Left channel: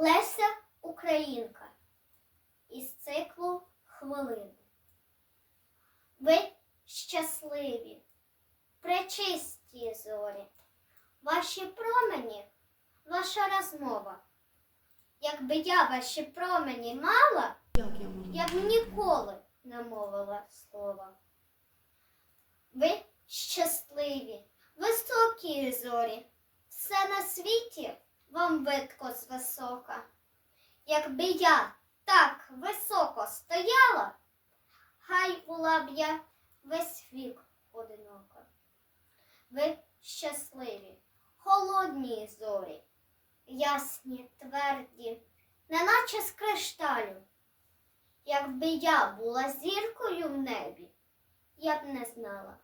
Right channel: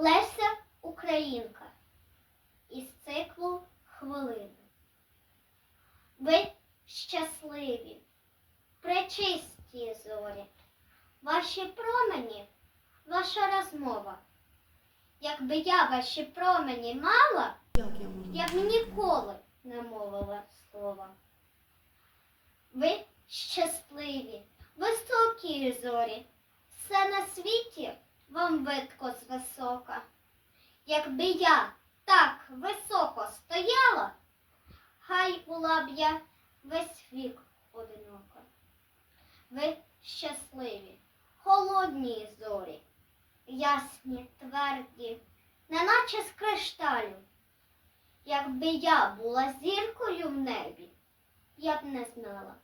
Леся Українка із циклу Хвилини. Ви щасливі, пречисті зорі, ваші промені, ваша розмова. Якби я ваші промені мала, я б ніколи не мовила слова. Ви щасливі, високі зорі, все на світі вам видко з висока. Якби я так високо стояла, хай була б я весь вік одинока. Ви щасливі, холодні зорі, ясні, тверді, неначе з кришталю. Якби я була зіркою в небі, я б не знала,